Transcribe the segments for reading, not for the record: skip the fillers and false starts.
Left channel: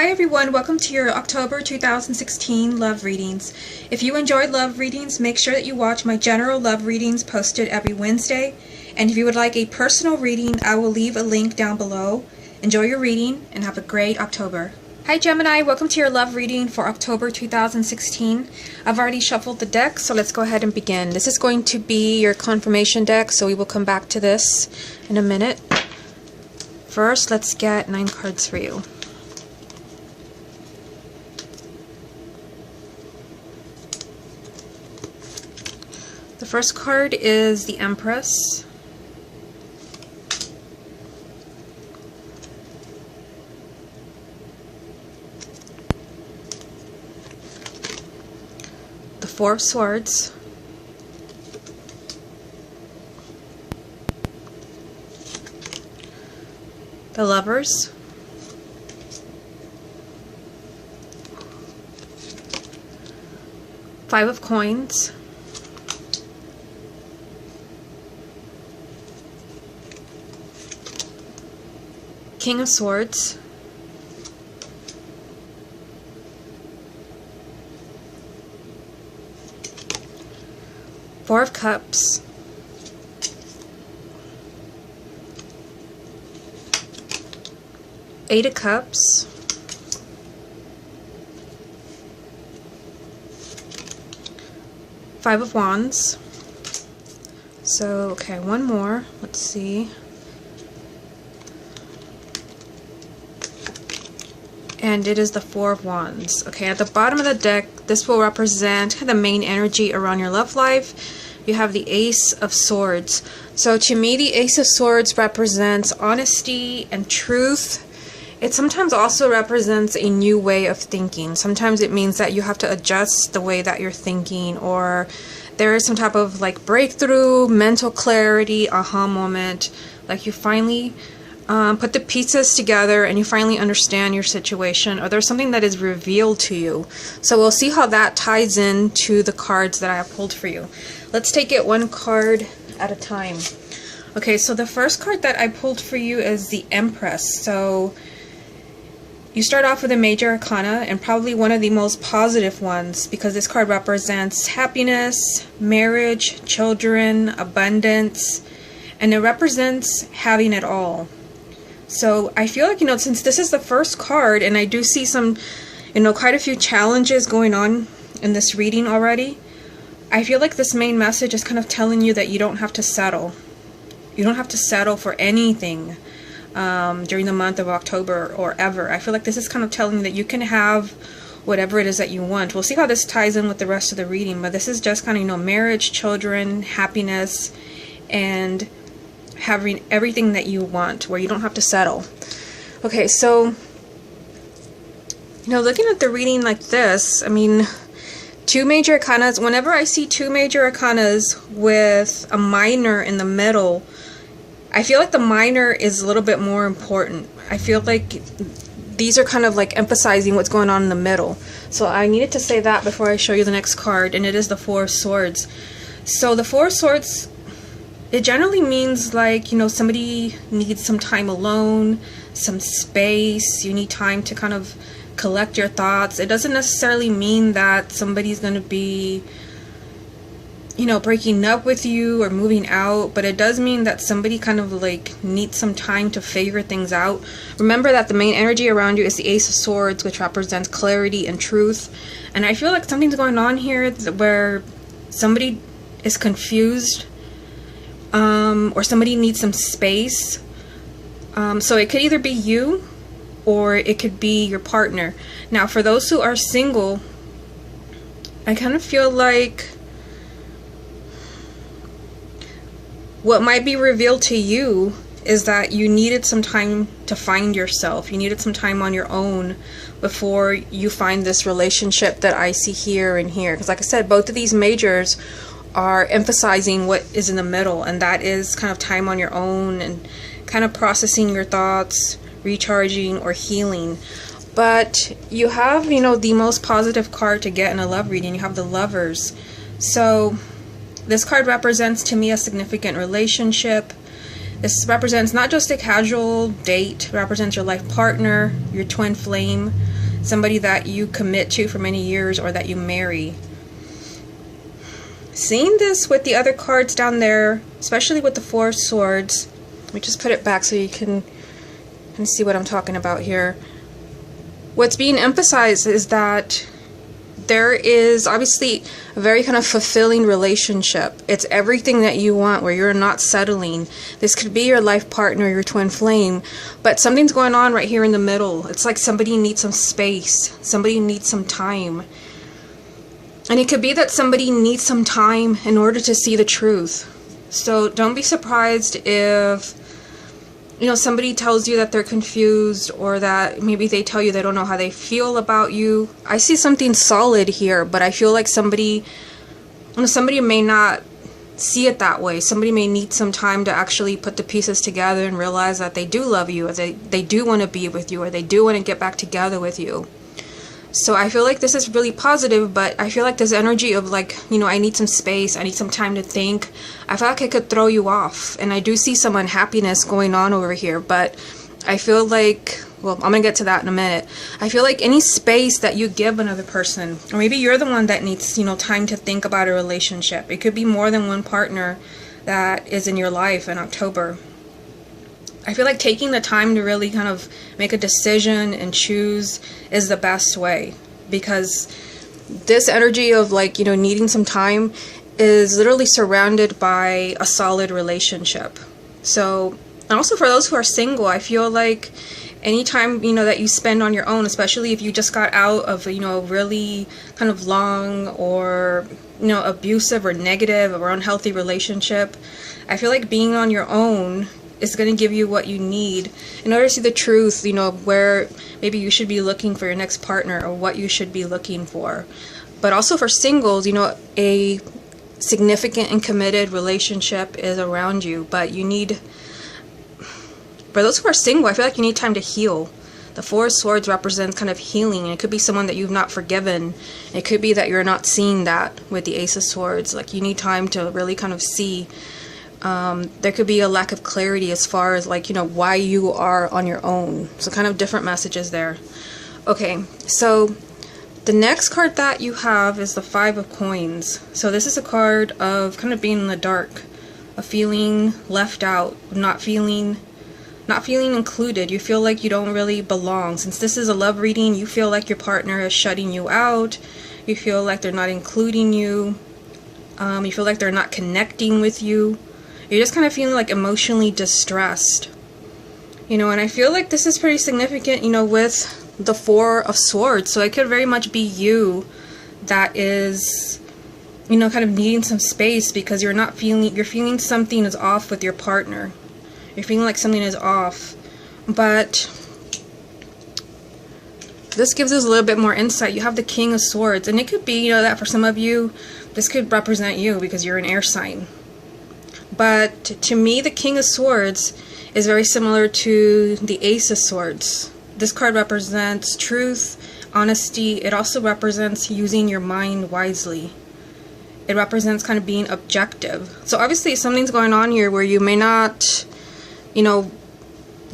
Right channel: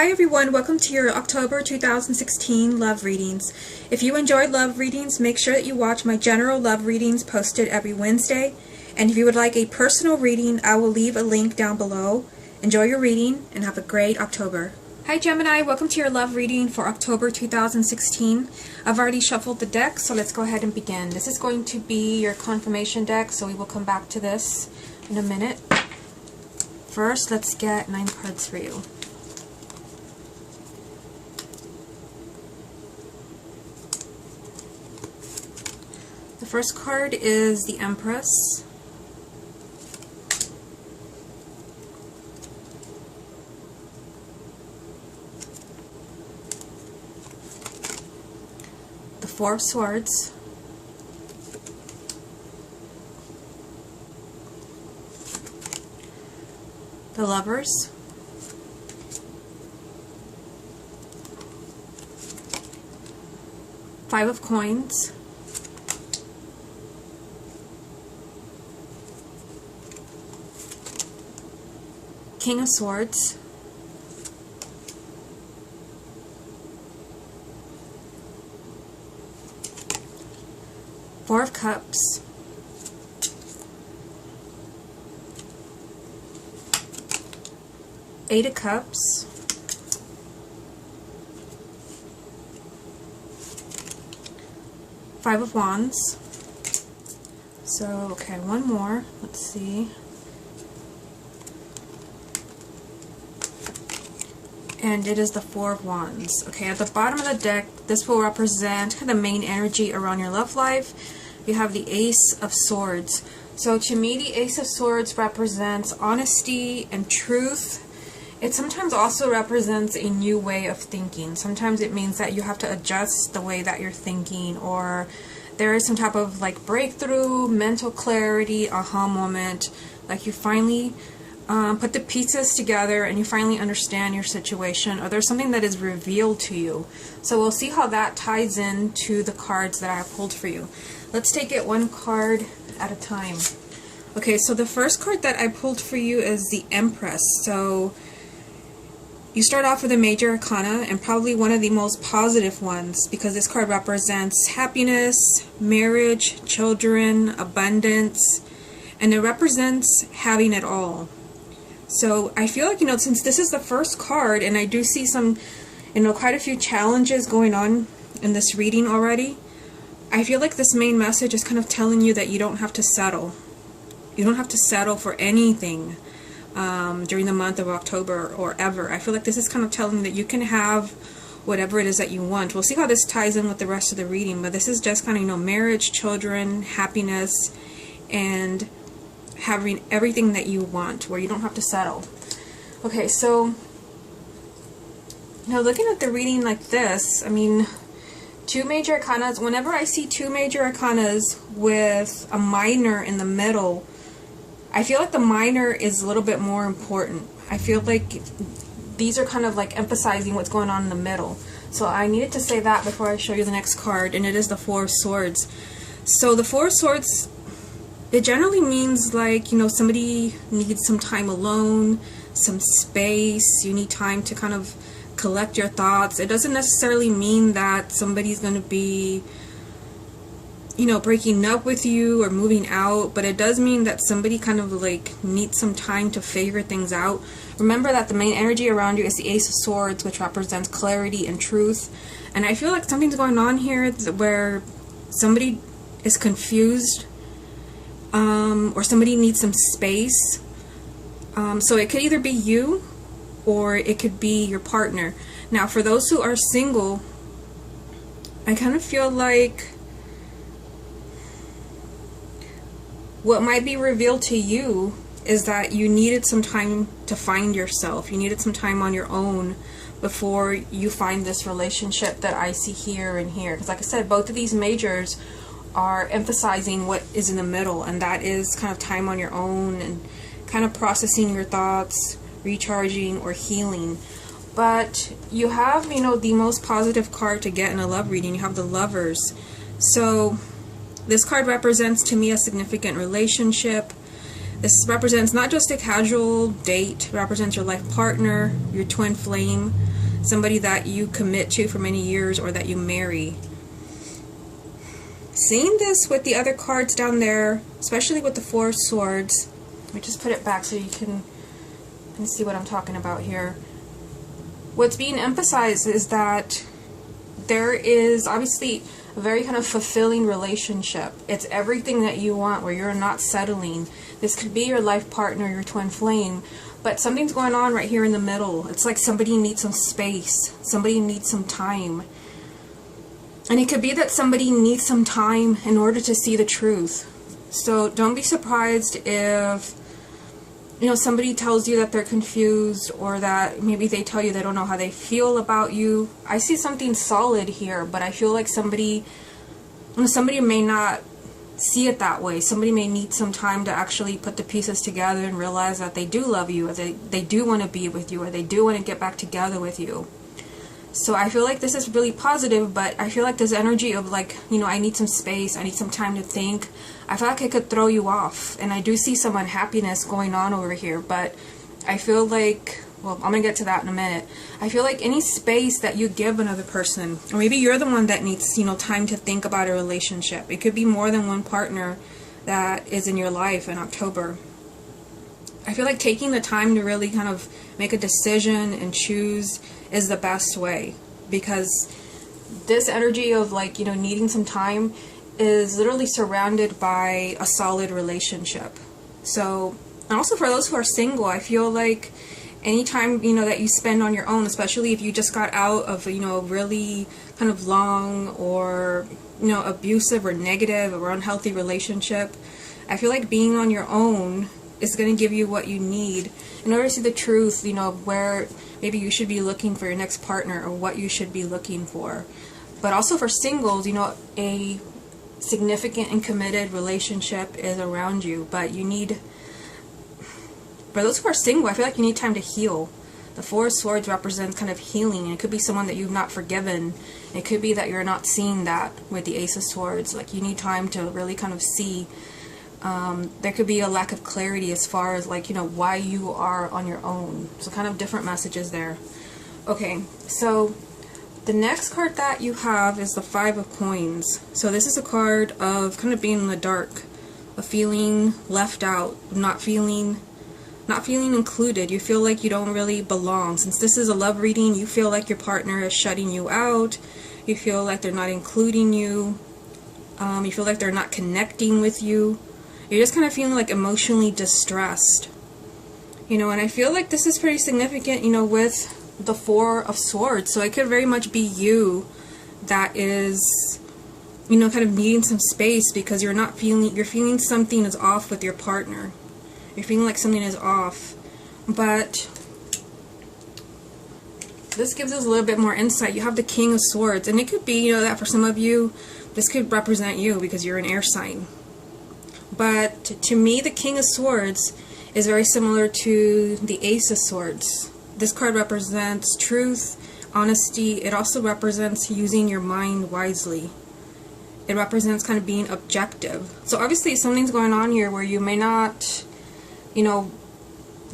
Hi everyone, welcome to your October 2016 love readings. If you enjoyed love readings, make sure that you watch my general love readings posted every Wednesday. And if you would like a personal reading, I will leave a link down below. Enjoy your reading and have a great October. Hi Gemini, welcome to your love reading for October 2016. I've already shuffled the deck, so let's go ahead and begin. This is going to be your confirmation deck, so we will come back to this in a minute. First, let's get 9 cards for you. The first card is the Empress. The Four of Swords. The Lovers. Five of Coins. King of Swords, Four of Cups, Eight of Cups, Five of Wands. So, okay, one more. Let's see. And it is the Four of Wands. Okay, at the bottom of the deck, this will represent the main energy around your love life. You have the Ace of Swords. So to me, the Ace of Swords represents honesty and truth. It sometimes also represents a new way of thinking. Sometimes it means that you have to adjust the way that you're thinking, or there is some type of like breakthrough, mental clarity, aha moment. Like you finally put the pieces together and you finally understand your situation, or there's something that is revealed to you. So we'll see how that ties in to the cards that I have pulled for you. Let's take it one card at a time. Okay, so the first card that I pulled for you is the Empress. So you start off with a major arcana, and probably one of the most positive ones, because this card represents happiness, marriage, children, abundance, and it represents having it all. So I feel like, since this is the first card, and I do see some, quite a few challenges going on in this reading already, I feel like this main message is kind of telling you that you don't have to settle. You don't have to settle for anything during the month of October or ever. I feel like this is kind of telling you that you can have whatever it is that you want. We'll see how this ties in with the rest of the reading, but this is just kind of, marriage, children, happiness, and having everything that you want, where you don't have to settle. Okay, so looking at the reading like this, I mean, two major arcanas, whenever I see two major arcanas with a minor in the middle, I feel like the minor is a little bit more important. I feel like these are kind of like emphasizing what's going on in the middle. So I needed to say that before I show you the next card, and it is the Four of Swords. So the Four of Swords, it generally means like, somebody needs some time alone, some space. You need time to kind of collect your thoughts. It doesn't necessarily mean that somebody's going to be, breaking up with you or moving out, but it does mean that somebody kind of like needs some time to figure things out. Remember that the main energy around you is the Ace of Swords, which represents clarity and truth. And I feel like something's going on here where somebody is confused, or somebody needs some space. So it could either be you or it could be your partner. Now, for those who are single, I kind of feel like what might be revealed to you is that you needed some time to find yourself. You needed some time on your own before you find this relationship that I see here and here. Because like I said, both of these majors are emphasizing what is in the middle, and that is kind of time on your own and kind of processing your thoughts, recharging, or healing. But you have, the most positive card to get in a love reading. You have the Lovers. So this card represents to me a significant relationship. This represents not just a casual date, it represents your life partner, your twin flame, somebody that you commit to for many years or that you marry. Seeing this with the other cards down there, especially with the Four of Swords, let me just put it back so you can see what I'm talking about here. What's being emphasized is that there is obviously a very kind of fulfilling relationship. It's everything that you want, where you're not settling. This could be your life partner, your twin flame, but something's going on right here in the middle. It's like somebody needs some space, somebody needs some time. And it could be that somebody needs some time in order to see the truth. So don't be surprised if, you know, somebody tells you that they're confused, or that maybe they tell you they don't know how they feel about you. I see something solid here, but I feel like somebody may not see it that way. Somebody may need some time to actually put the pieces together and realize that they do love you, or they do want to be with you, or they do want to get back together with you. So I feel like this is really positive, but I feel like this energy of like, you know, I need some space, I need some time to think. I feel like it could throw you off. And I do see some unhappiness going on over here, but I feel like, well, I'm going to get to that in a minute. I feel like any space that you give another person, or maybe you're the one that needs, you know, time to think about a relationship. It could be more than one partner that is in your life in October. I feel like taking the time to really kind of make a decision and choose is the best way, because this energy of like, you know, needing some time is literally surrounded by a solid relationship. So, and also for those who are single, I feel like anytime, you know, that you spend on your own, especially if you just got out of, you know, a really kind of long or, you know, abusive or negative or unhealthy relationship, I feel like being on your own is going to give you what you need in order to see the truth, you know, where maybe you should be looking for your next partner, or what you should be looking for. But also for singles, you know, a significant and committed relationship is around you, but you need, for those who are single, I feel like you need time to heal. The Four of Swords represents kind of healing. It could be someone that you've not forgiven. It could be that you're not seeing that with the Ace of Swords. Like, you need time to really kind of see. There could be a lack of clarity as far as like, you know, why you are on your own. So kind of different messages there. Okay, so the next card that you have is the Five of Coins. So this is a card of kind of being in the dark, of feeling left out, not feeling included. You feel like you don't really belong. Since this is a love reading, you feel like your partner is shutting you out. You feel like they're not including you. You feel like they're not connecting with you. You're just kind of feeling like emotionally distressed. You know, and I feel like this is pretty significant, you know, with the Four of Swords. So it could very much be you that is, you know, kind of needing some space because you're feeling something is off with your partner. You're feeling like something is off. But this gives us a little bit more insight. You have the King of Swords, and it could be, you know, that for some of you, this could represent you because you're an air sign. But to me, the King of Swords is very similar to the Ace of Swords. This card represents truth, honesty. It also represents using your mind wisely. It represents kind of being objective. So obviously something's going on here where you may not, you know,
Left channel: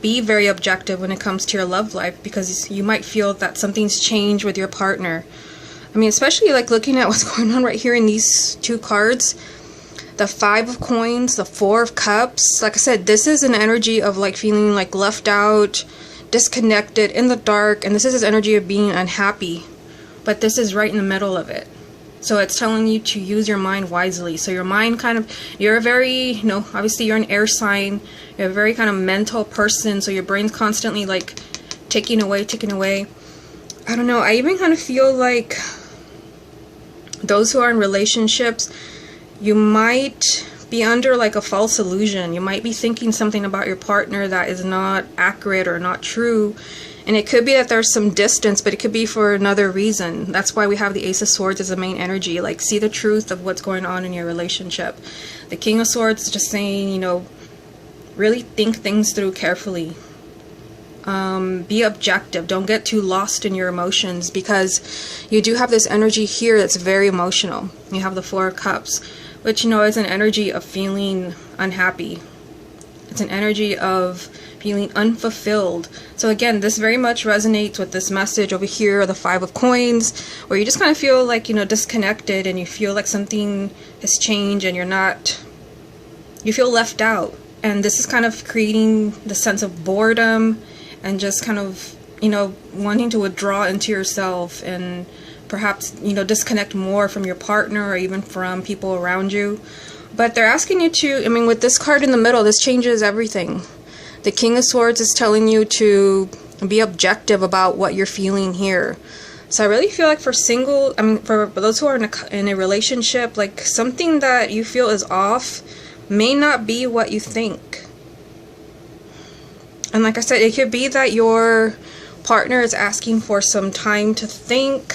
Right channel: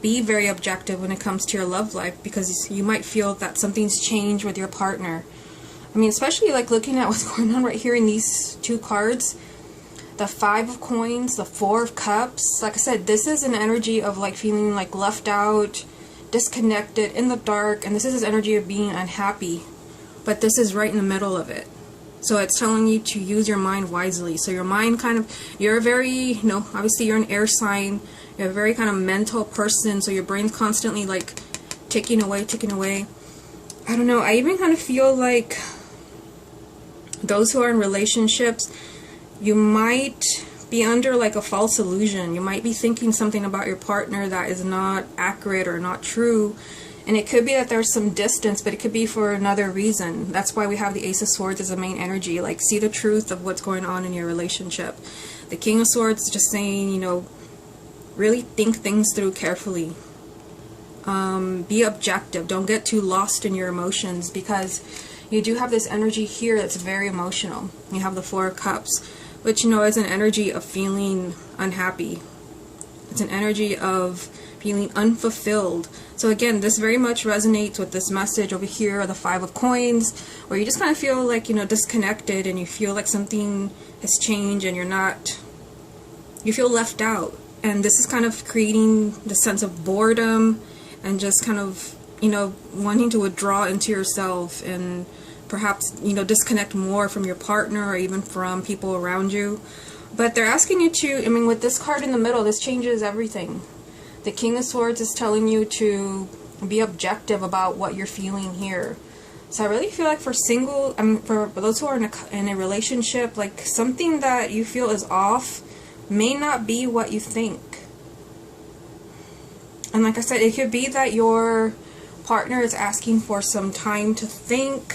be very objective when it comes to your love life, because you might feel that something's changed with your partner. I mean, especially like looking at what's going on right here in these two cards. The Five of Coins, the Four of Cups. Like I said, this is an energy of like feeling like left out, disconnected, in the dark, and this is his energy of being unhappy. But this is right in the middle of it. So it's telling you to use your mind wisely. So your mind kind of, you're a very, you know, obviously you're an air sign. You're a very kind of mental person. So your brain's constantly like ticking away, ticking away. I don't know. I even kind of feel like those who are in relationships, you might be under like a false illusion. You might be thinking something about your partner that is not accurate or not true. And it could be that there's some distance, but it could be for another reason. That's why we have the Ace of Swords as a main energy. Like, see the truth of what's going on in your relationship. The King of Swords is just saying, you know, really think things through carefully. Be objective. Don't get too lost in your emotions, because you do have this energy here that's very emotional. You have the Four of Cups, which, you know, is an energy of feeling unhappy. It's an energy of feeling unfulfilled. So again, this very much resonates with this message over here, the Five of Coins, where you just kind of feel like, you know, disconnected, and you feel like something has changed and you feel left out. And this is kind of creating the sense of boredom and just kind of, you know, wanting to withdraw into yourself and perhaps, you know, disconnect more from your partner or even from people around you. But they're asking you to, I mean, with this card in the middle, this changes everything. The King of Swords is telling you to be objective about what you're feeling here. So I really feel like for those who are in a relationship, like something that you feel is off may not be what you think. And like I said, it could be that your partner is asking for some time to think.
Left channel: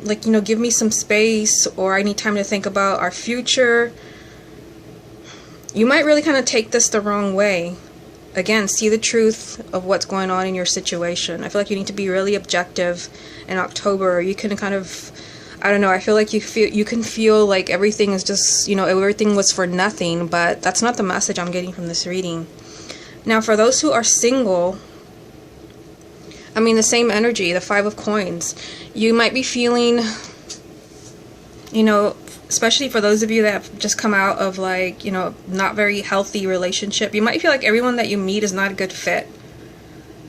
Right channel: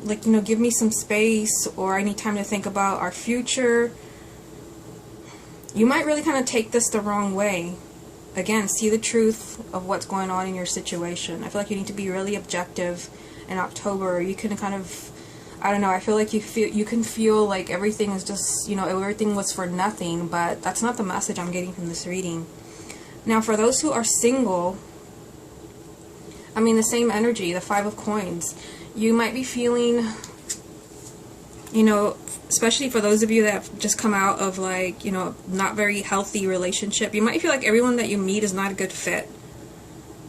Like, you know, give me some space, or I need time to think about our future. You might really kind of take this the wrong way. Again, see the truth of what's going on in your situation. I feel like you need to be really objective in October. You can kind of, I don't know, I feel like you can feel like everything is just, you know, everything was for nothing, but that's not the message I'm getting from this reading. Now, for those who are single, I mean, the same energy, the Five of Coins. You might be feeling, you know, especially for those of you that have just come out of, like, you know, not very healthy relationship, you might feel like everyone that you meet is not a good fit.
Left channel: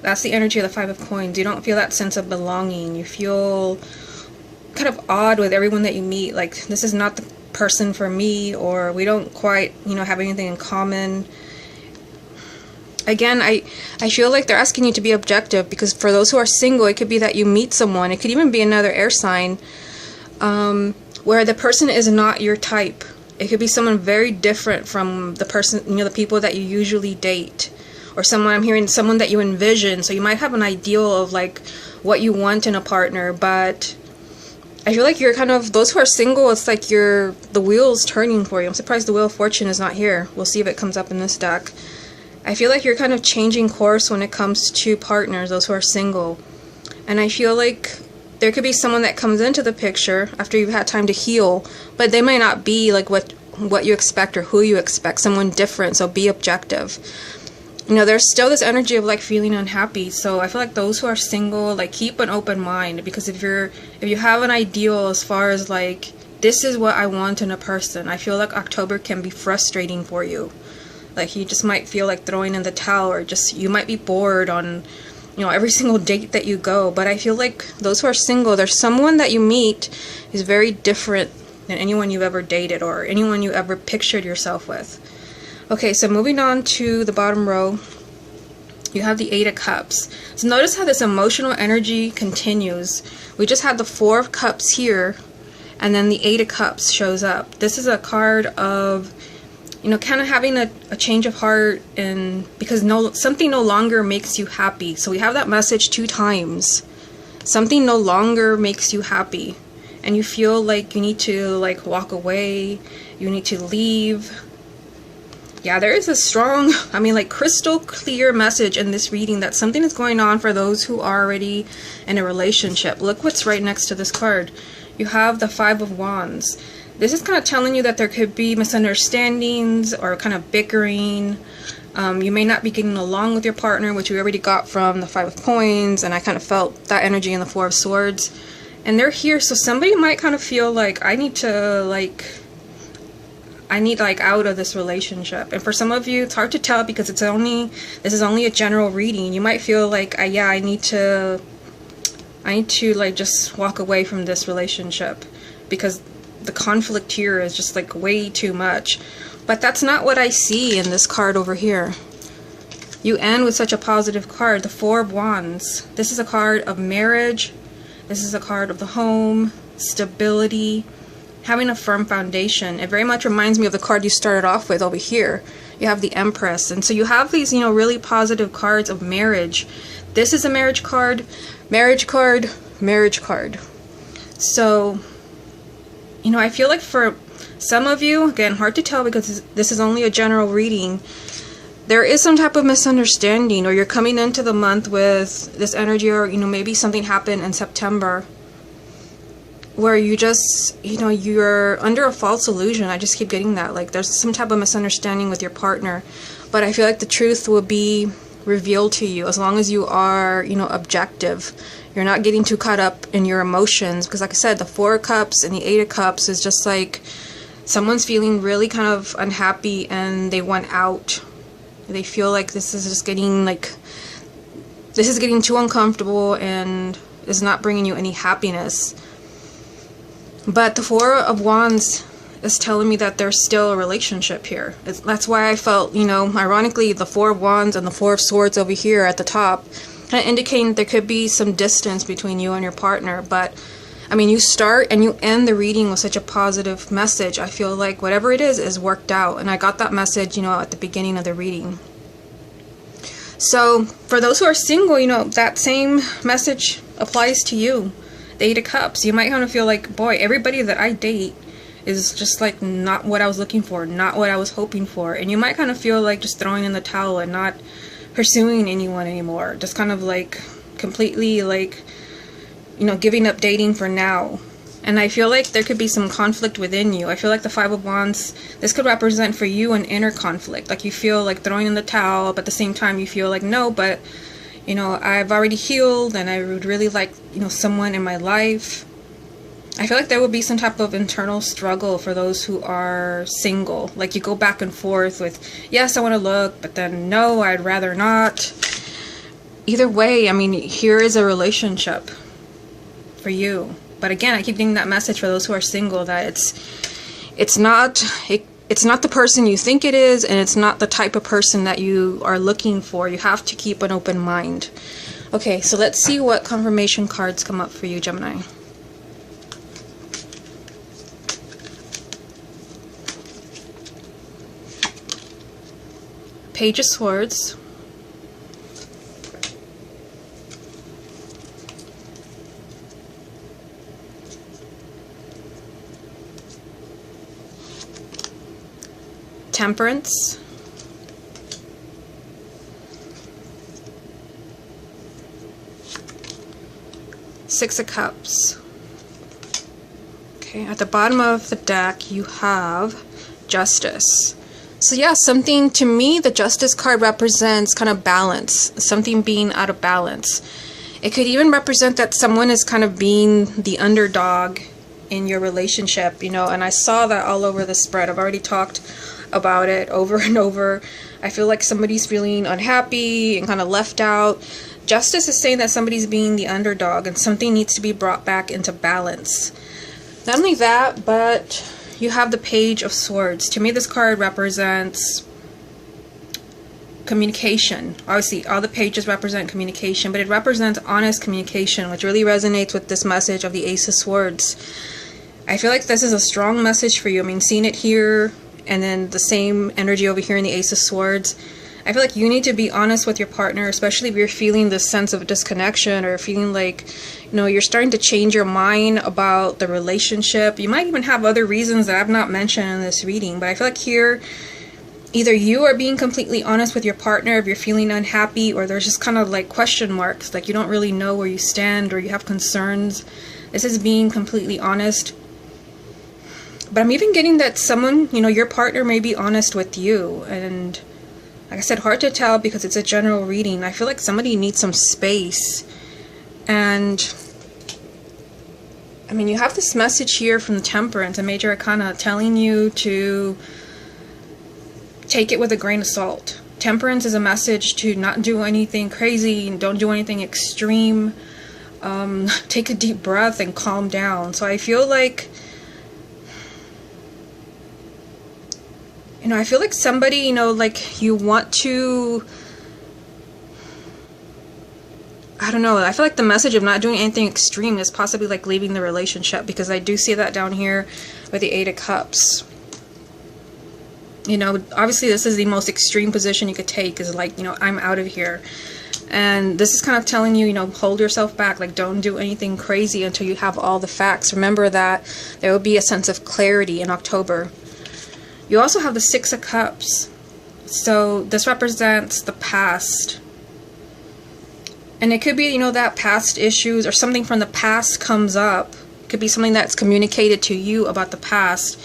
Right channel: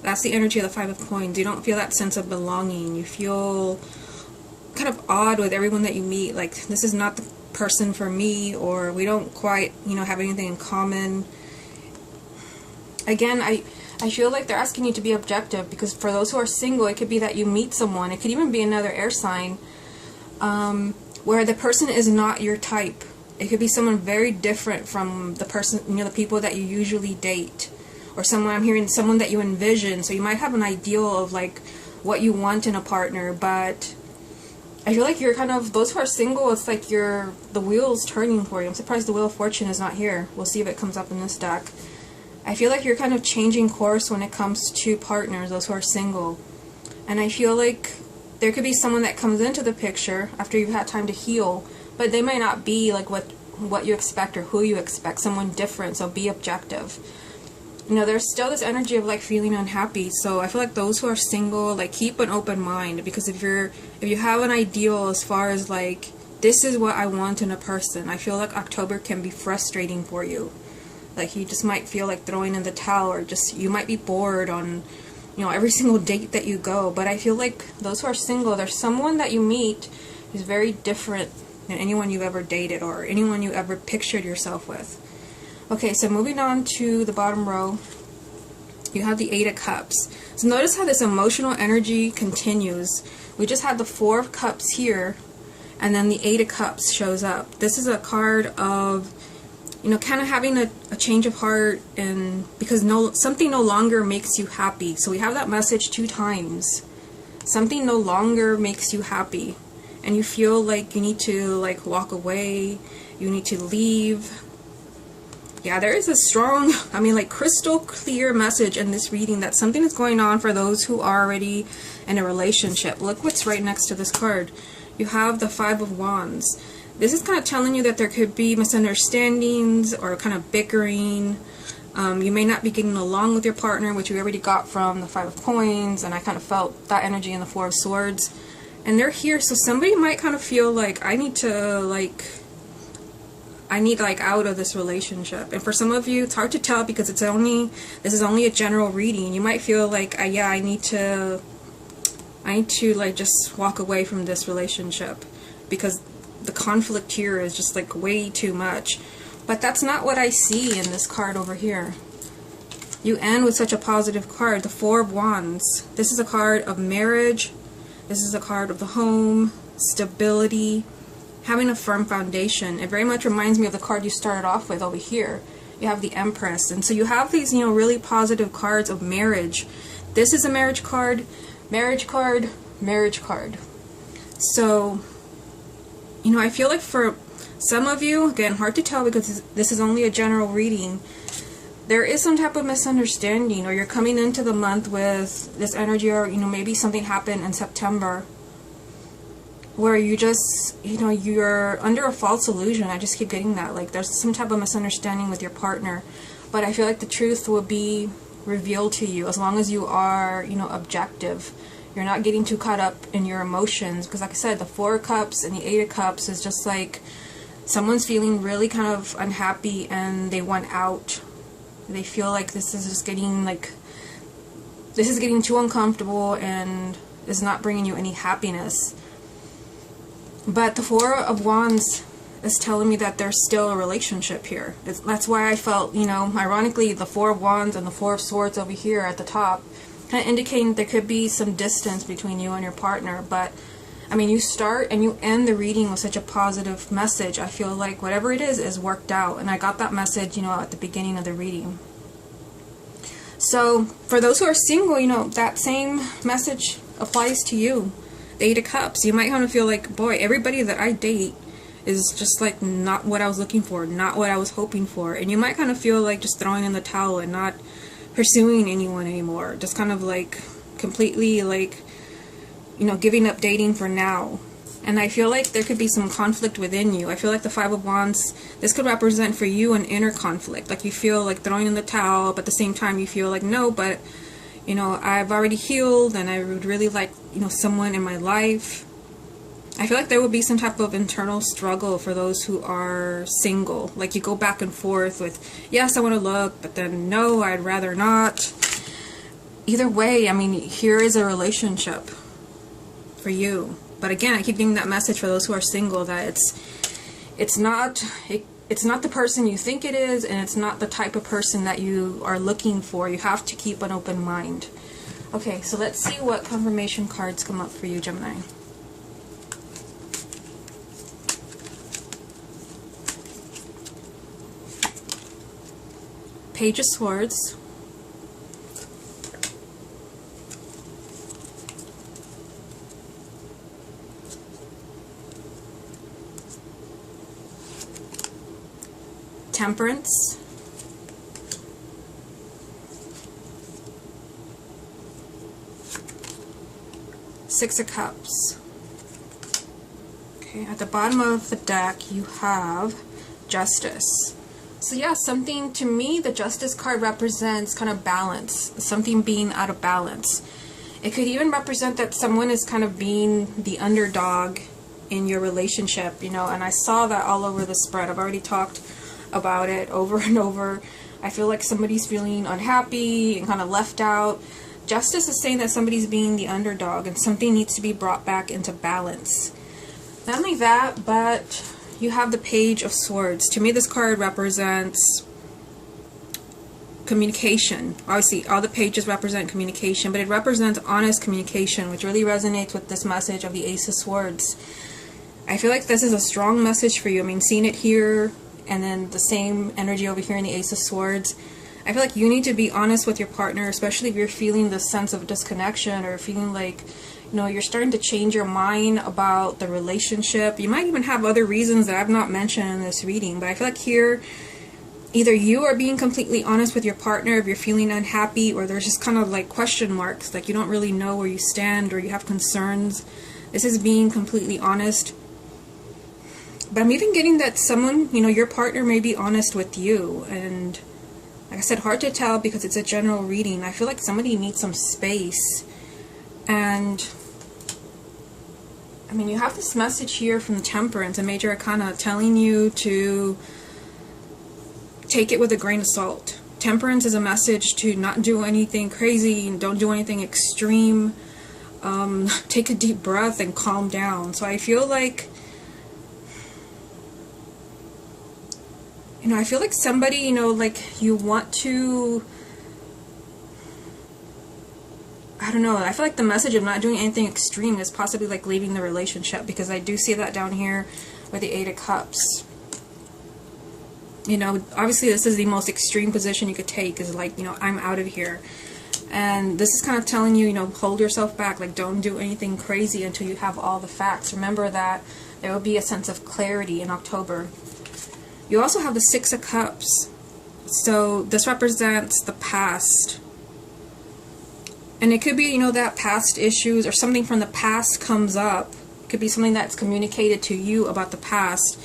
That's the energy of the Five of Coins. You don't feel that sense of belonging. You feel kind of odd with everyone that you meet. Like, this is not the person for me, or we don't quite, you know, have anything in common. Again, I feel like they're asking you to be objective, because for those who are single, it could be that you meet someone. It could even be another air sign where the person is not your type. It could be someone very different from the person, you know, the people that you usually date. Or someone, I'm hearing someone that you envision. So you might have an ideal of like what you want in a partner, but I feel like you're kind of, those who are single, it's like the wheel's turning for you. I'm surprised the Wheel of Fortune is not here. We'll see if it comes up in this deck. I feel like you're kind of changing course when it comes to partners, those who are single. And I feel like there could be someone that comes into the picture after you've had time to heal, but they might not be like what you expect or who you expect, someone different, so be objective. You know, there's still this energy of like feeling unhappy, so I feel like those who are single, like, keep an open mind, because if you have an ideal as far as like, this is what I want in a person, I feel like October can be frustrating for you. Like, you just might feel like throwing in the towel, or just, you might be bored on, you know, every single date that you go. But I feel like those who are single, there's someone that you meet is very different than anyone you've ever dated or anyone you ever pictured yourself with. Okay, so moving on to the bottom row, you have the Eight of Cups. So notice how this emotional energy continues. We just had the Four of Cups here, and then the Eight of Cups shows up. This is a card of, you know, kind of having a change of heart, and because something no longer makes you happy. So we have that message 2 times. Something no longer makes you happy, and you feel like you need to like walk away, you need to leave. Yeah, there is a strong, I mean, like, crystal clear message in this reading that something is going on for those who are already in a relationship. Look what's right next to this card. You have the Five of Wands. This is kind of telling you that there could be misunderstandings or kind of bickering. You may not be getting along with your partner, which we already got from the Five of Coins, and I kind of felt that energy in the Four of Swords. And they're here, so somebody might kind of feel like, I need out of this relationship. And for some of you, it's hard to tell because this is only a general reading. You might feel like, yeah, I need to like just walk away from this relationship because the conflict here is just like way too much. But that's not what I see in this card over here. You end with such a positive card, the Four of Wands. This is a card of marriage. This is a card of the home, stability, having a firm foundation. It very much reminds me of the card you started off with over here. You have the Empress. And so you have these, you know, really positive cards of marriage. This is a marriage card, marriage card, marriage card. So, you know, I feel like for some of you, again, hard to tell because this is only a general reading, there is some type of misunderstanding, or you're coming into the month with this energy, or, you know, maybe something happened in September where you just, you're under a false illusion. I just keep getting that. Like, there's some type of misunderstanding with your partner. But I feel like the truth will be revealed to you as long as you are, objective. You're not getting too caught up in your emotions. Because like I said, the Four of Cups and the Eight of Cups is just like someone's feeling really kind of unhappy and they want out. They feel like this is getting too uncomfortable and is not bringing you any happiness. But the Four of Wands is telling me that there's still a relationship here. That's why I felt, ironically, the Four of Wands and the Four of Swords over here at the top, kind of indicating there could be some distance between you and your partner. But, I mean, you start and you end the reading with such a positive message. I feel like whatever it is worked out. And I got that message, at the beginning of the reading. So, for those who are single, that same message applies to you. The Eight of Cups. You might kind of feel like, boy, everybody that I date is just like not what I was looking for, not what I was hoping for. And you might kind of feel like just throwing in the towel and not pursuing anyone anymore. Just kind of like completely like, giving up dating for now. And I feel like there could be some conflict within you. I feel like the Five of Wands, this could represent for you an inner conflict. Like you feel like throwing in the towel, but at the same time you feel like, no, but I've already healed and I would really like, someone in my life. I feel like there would be some type of internal struggle for those who are single. Like you go back and forth with, yes, I want to look, but then no, I'd rather not. Either way, I mean, here is a relationship for you. But again, I keep getting that message for those who are single that it's not the person you think it is, and it's not the type of person that you are looking for. You have to keep an open mind. Okay, so let's see what confirmation cards come up for you, Gemini. Page of Swords. Temperance. Six of Cups. Okay, at the bottom of the deck you have Justice. So yeah, something, to me, the Justice card represents kind of balance, something being out of balance. It could even represent that someone is kind of being the underdog in your relationship, and I saw that all over the spread. I've already talked about it over and over. I feel like somebody's feeling unhappy and kind of left out. Justice is saying that somebody's being the underdog and something needs to be brought back into balance. Not only that, but you have the Page of Swords. To me, this card represents communication. Obviously, all the pages represent communication, but it represents honest communication, which really resonates with this message of the Ace of Swords. I feel like this is a strong message for you. I mean, seeing it here and then the same energy over here in the Ace of Swords, I feel like you need to be honest with your partner, especially if you're feeling this sense of disconnection or feeling like, you're starting to change your mind about the relationship. You might even have other reasons that I've not mentioned in this reading, but I feel like here, either you are being completely honest with your partner if you're feeling unhappy, or there's just kind of like question marks, like you don't really know where you stand or you have concerns. This is being completely honest. But I'm even getting that someone, your partner may be honest with you. And like I said, hard to tell because it's a general reading. I feel like somebody needs some space. And I mean, you have this message here from the Temperance, a major arcana, telling you to take it with a grain of salt. Temperance is a message to not do anything crazy, don't do anything extreme. Take a deep breath and calm down. So I feel like, I feel like somebody, like you want to, I don't know, I feel like the message of not doing anything extreme is possibly like leaving the relationship, because I do see that down here with the Eight of Cups. Obviously this is the most extreme position you could take, is like, I'm out of here. And this is kind of telling you, hold yourself back, like don't do anything crazy until you have all the facts. Remember that there will be a sense of clarity in October. You also have the Six of Cups. So this represents the past. And it could be, that past issues or something from the past comes up could be something that's communicated to you about the past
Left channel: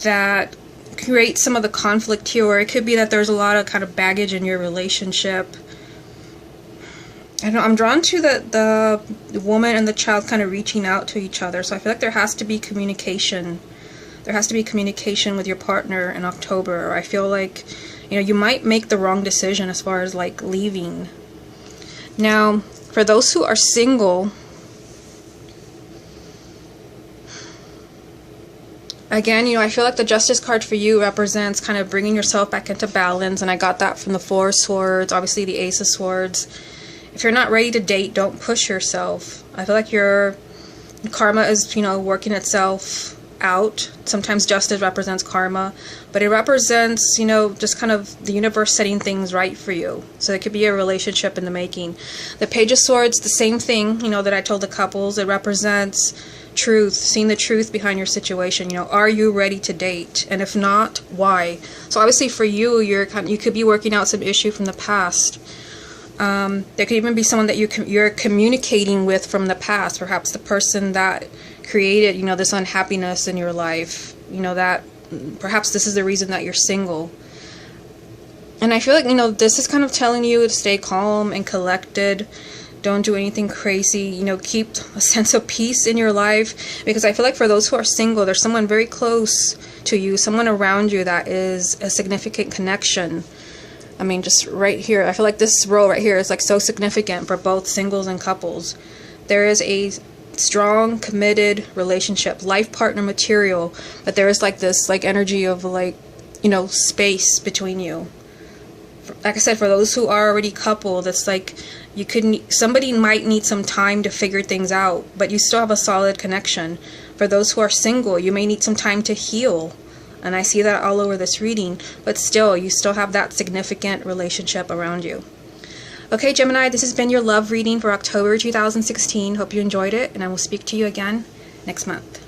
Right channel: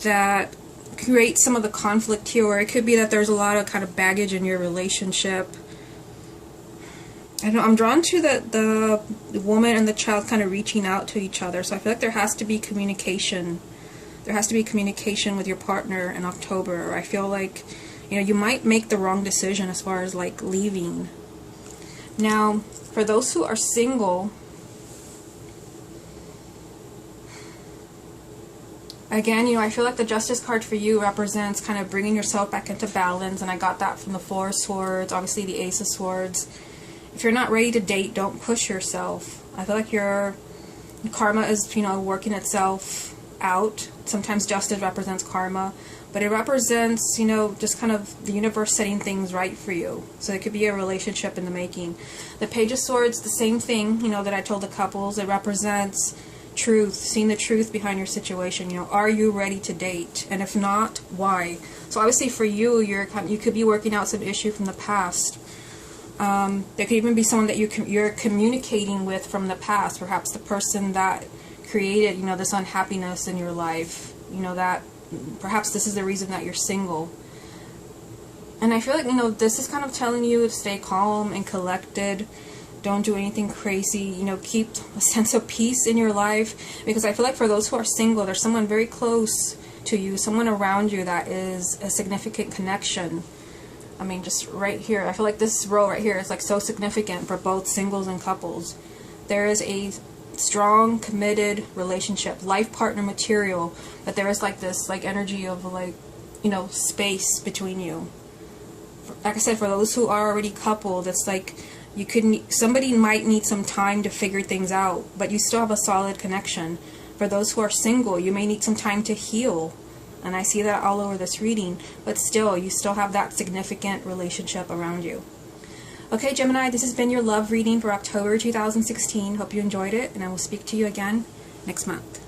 that creates some of the conflict here, or it could be that there's a lot of kind of baggage in your relationship. I know I'm drawn to the woman and the child kind of reaching out to each other, so I feel like there has to be communication. There has to be communication with your partner in October, or I feel like, you know, you might make the wrong decision as far as like leaving. Now, for those who are single, again, you know, I feel like the Justice card for you represents kind of bringing yourself back into balance, and I got that from the Four of Swords, obviously the Ace of Swords. If you're not ready to date, don't push yourself. I feel like your karma is, you know, working itself out. Sometimes justice represents karma, but it represents, you know, just kind of the universe setting things right for you. So it could be a relationship in the making. The Page of Swords, the same thing, you know, that I told the couples. It represents truth, seeing the truth behind your situation. You know, are you ready to date? And if not, why? So obviously for you, you could be working out some issue from the past. There could even be someone that you're communicating with from the past, perhaps the person that created, you know, this unhappiness in your life, you know, that perhaps this is the reason that you're single. And I feel like, you know, this is kind of telling you to stay calm and collected. Don't do anything crazy, you know, keep a sense of peace in your life, because I feel like for those who are single, there's someone very close to you, someone around you that is a significant connection. I mean, just right here, I feel like this row right here is like so significant for both singles and couples. There is a strong, committed relationship, life partner material, but there is like this like energy of like, you know, space between you. Like I said, for those who are already coupled, it's like somebody might need some time to figure things out, but you still have a solid connection. For those who are single, you may need some time to heal. And I see that all over this reading, but still, you still have that significant relationship around you. Okay, Gemini, this has been your love reading for October 2016. Hope you enjoyed it, and I will speak to you again next month.